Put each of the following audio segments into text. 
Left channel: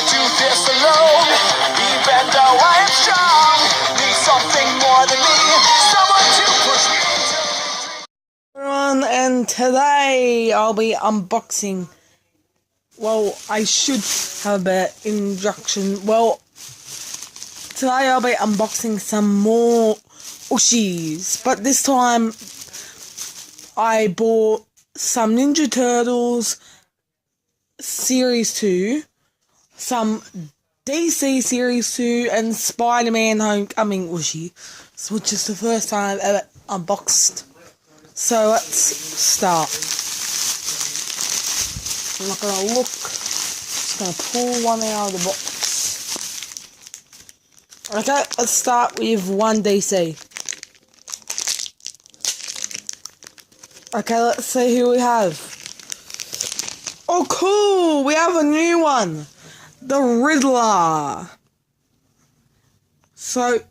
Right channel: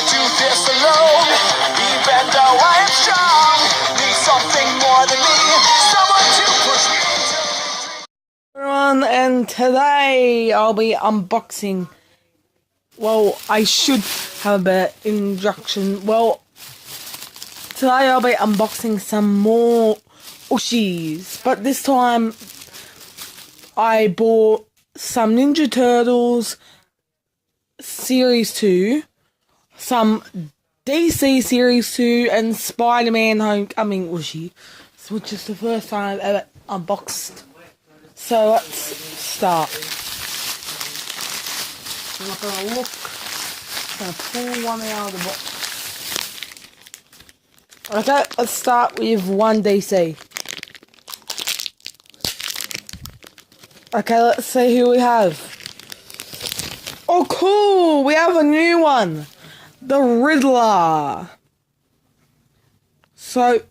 can't do this alone. Even though I am strong, need something more than me, someone to push me into Everyone, and today I'll be unboxing. Well, I should have a bit introduction. Well, today I'll be unboxing some more Ooshies, but this time I bought some Ninja Turtles Series 2, some DC Series 2, and Spider-Man Homecoming Ooshie, which is the first time I've ever unboxed. So let's start. I'm not going to look. Just going to pull one out of the box. Okay, let's start with one DC. Okay, let's see who we have. Oh, cool! We have a new one. The Riddler. So,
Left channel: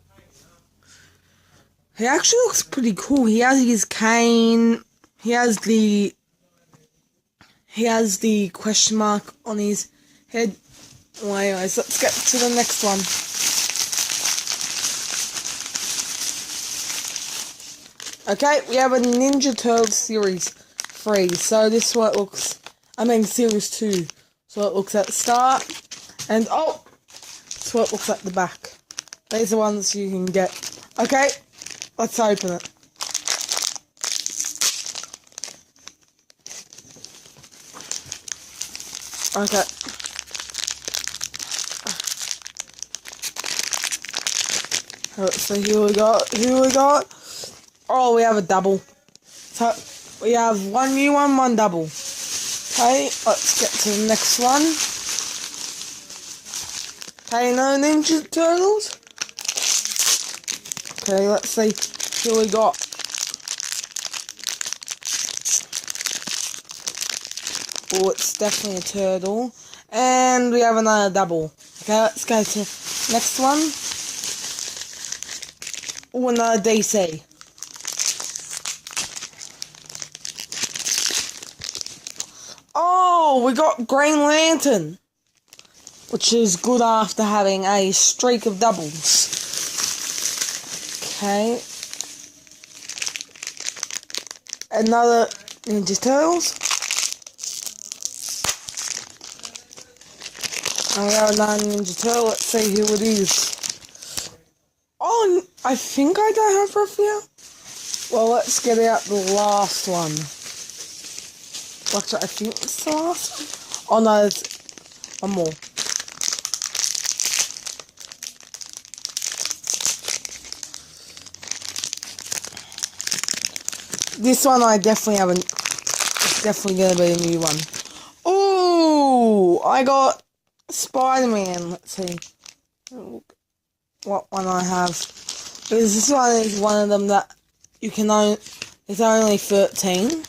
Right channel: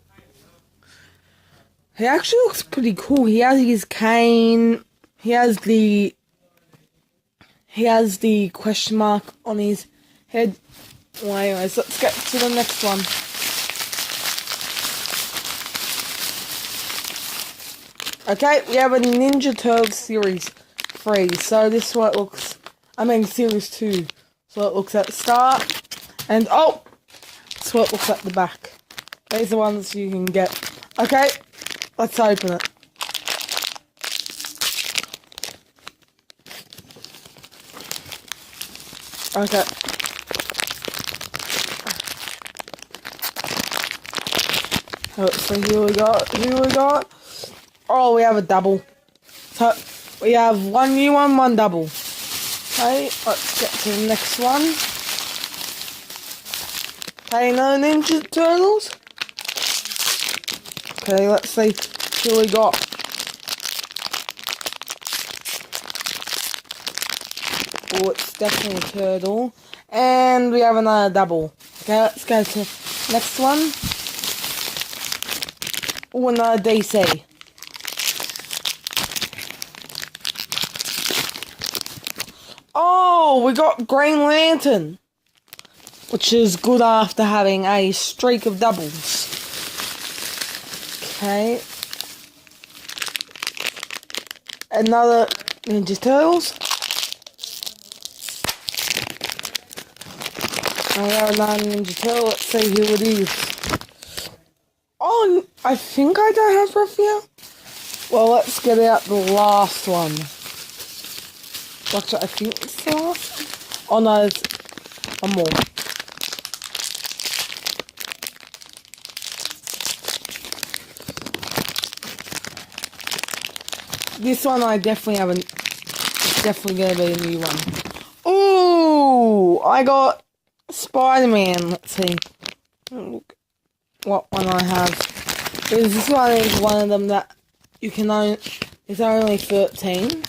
he actually looks pretty cool. He has his cane. He has the question mark on his head. Well, anyways, let's get to the next one. Okay, we have a Ninja Turtles Series 3. So this is what it looks. Series 2. So it looks at the start. And oh, that's what it looks at the back. These are the ones you can get. Okay. Let's open it. Okay. Let's see who we got. Oh, we have a double. So, we have one new one, one double. Okay, let's get to the next one. Okay, no Ninja Turtles. Okay, let's see who we got. Oh, it's definitely a turtle. And we have another double. Okay, let's go to next one. Oh, another DC. Oh, we got Green Lantern, which is good after having a streak of doubles. Okay. Another Ninja Turtles. And we have another Ninja Turtle. Let's see who it is. Oh, I think I don't have Raphael. Well, let's get out the last one. Actually, I think it's the last one. Oh no, there's one more. This one I definitely haven't. It's definitely going to be a new one. Ooh, I got Spider-Man. Let's see what one I have. Because this one is one of them that you can own. It's only 13.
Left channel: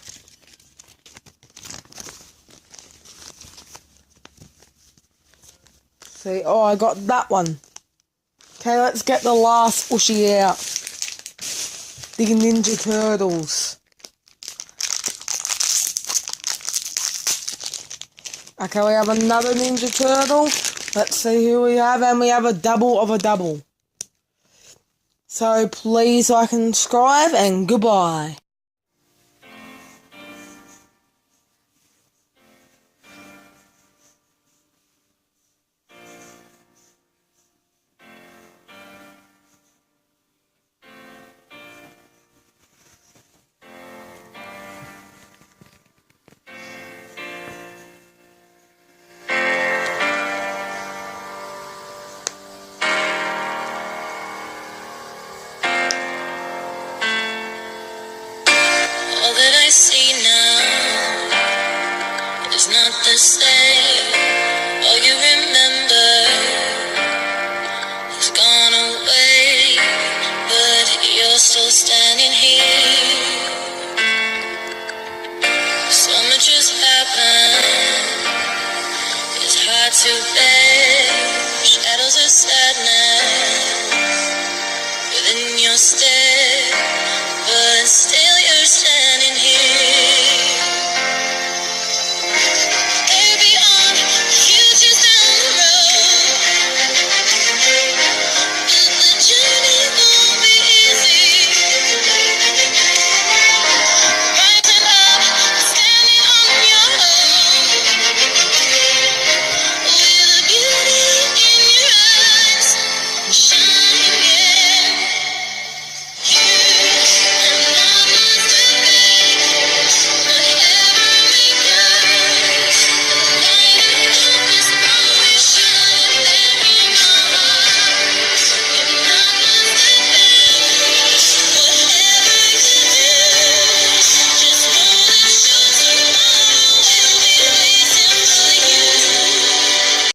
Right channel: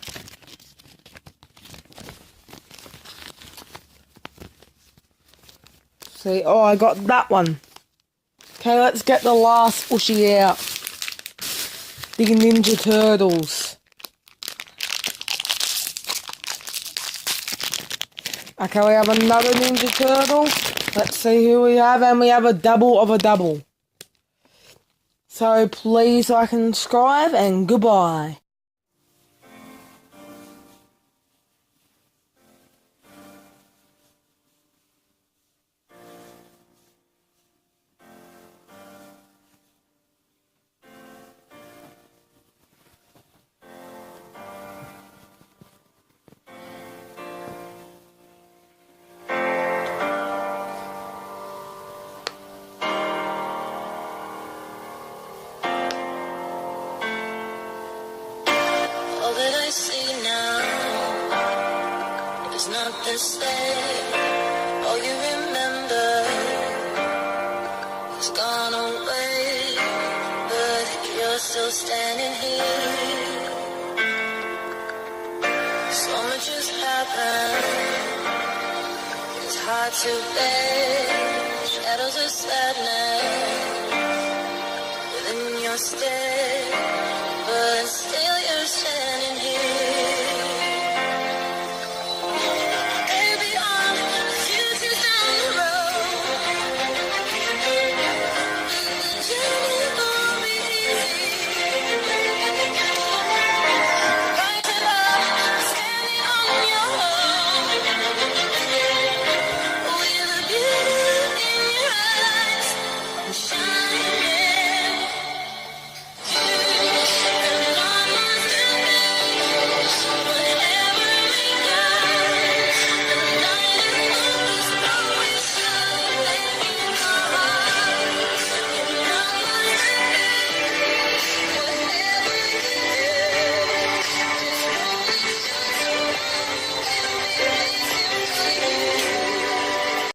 See, oh, I got that one. Okay, let's get the last Ooshie out. The Ninja Turtles. Okay, we have another Ninja Turtle. Let's see who we have, and we have a double of a double. So please like and subscribe, and goodbye. All that I see now is not the same. All you remember has gone away, but you're still standing here. So much has happened, it's hard to bear. Shadows of sadness within your stare, but still